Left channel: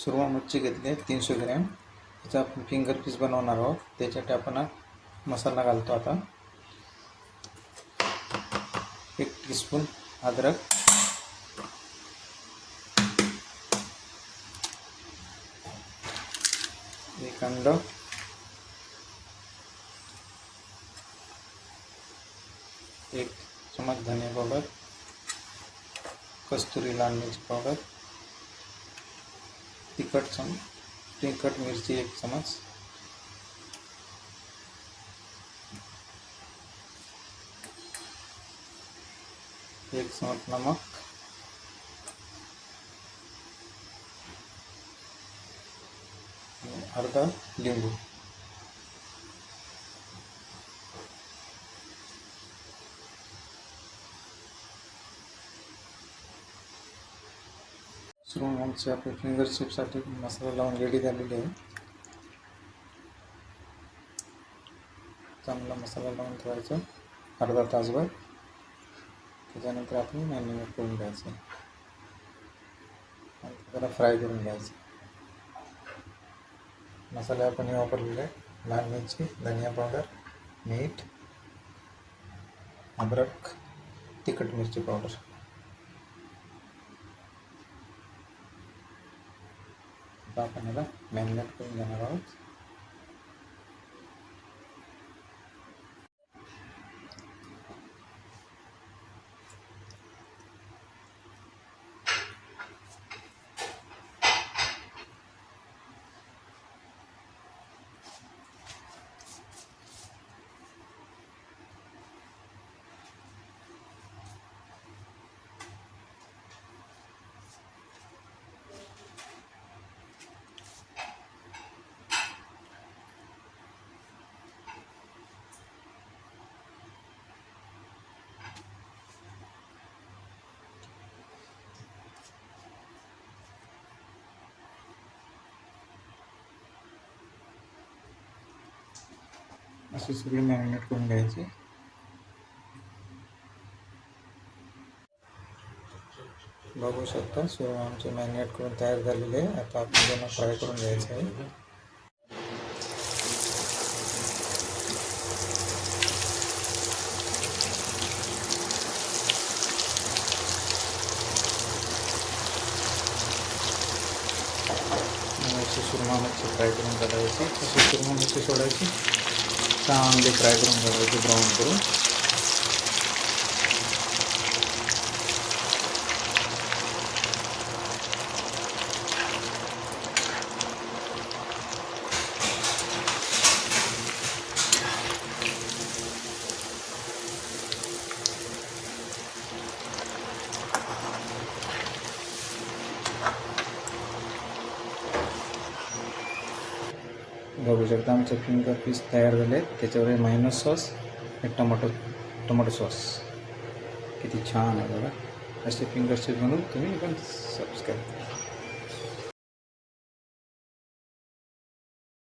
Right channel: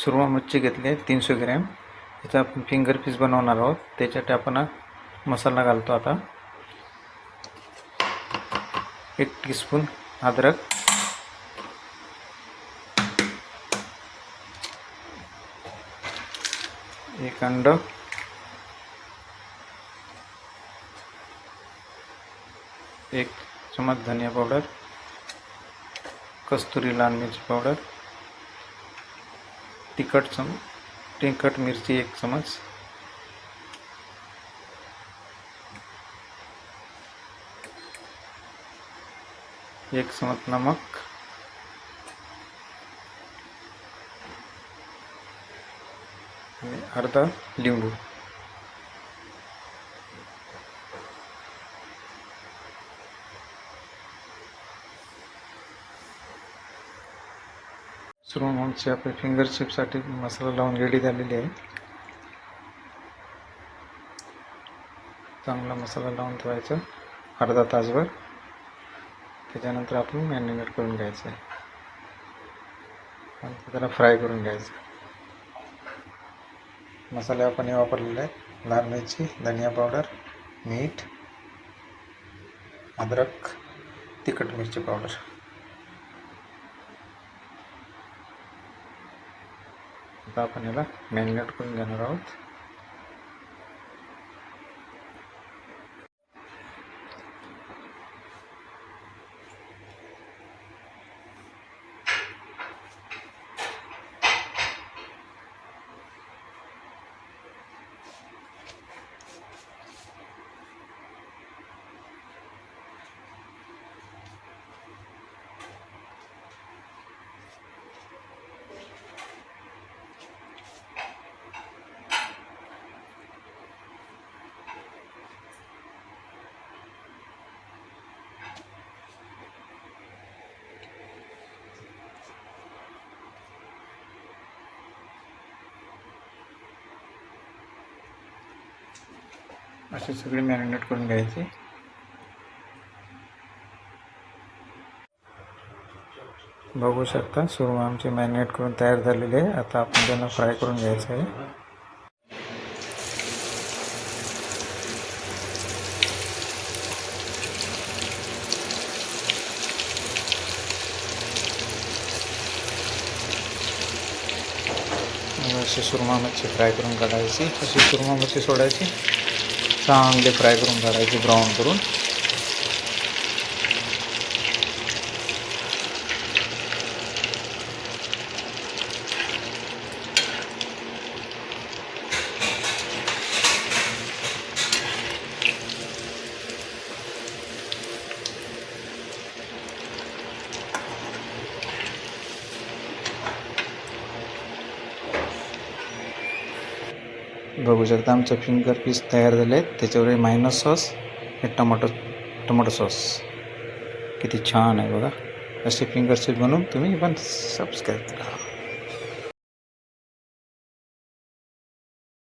सुरमई मच्छी घेतली आहे 300 ग्रॅम. याचा आपण फिंगर पीस बनवणार आहोत. त्याच्यात आपण मसाला घालतो आता. 1 टीस्पून अद्रक, 1 अंड, 1 चम्मच धनिया पावडर, कस्तुरी लाल मिर्ची पावडर, तिखट मिरची 1 चम्मच, एक चम्मच नमक, आणि अर्धा लिंबू. सुरमई मच्छी आपली फिंगर चिप्ससाठी मसाला लावून रेडी झालेली आहे. चांगला मसाला लावून ठेवायचा अर्धा तासभर. त्याच्यानंतर आपण मॅरिनेट करून घ्यायचं आहे आणि त्याला फ्राय करून घ्यायचं. मसाले आपण हे वापरलेले आहेत: लाल मिरची, धनिया पावडर, मीठ, अद्रक, तिखट मिरची पावडर. आता आपण याला मॅरिनेट करून घेणार आहोत. अशी सगळी मॅरिनेट करून घ्यायची. बघू शकता सुरमई आमची मॅरिनेट करून तयार झालेली आहे. आता आपण त्यांना फ्राय करून घ्यायचं आहे. अशी सुरमई मच्छी फ्राय करून काढायची. अशी सुरमई मच्छी सोडायची, चांगले फ्राय करून काढायची ब्राऊन करून. बघू शकता आमचे फिंगर पीस तयार झाले. त्याच्यावर मायनस सॉस, हे टोमॅटो सॉस किती छान आहे बघा. असे फिंगर चिप्स बनवून तुम्ही पण सबस्क्राईब करा.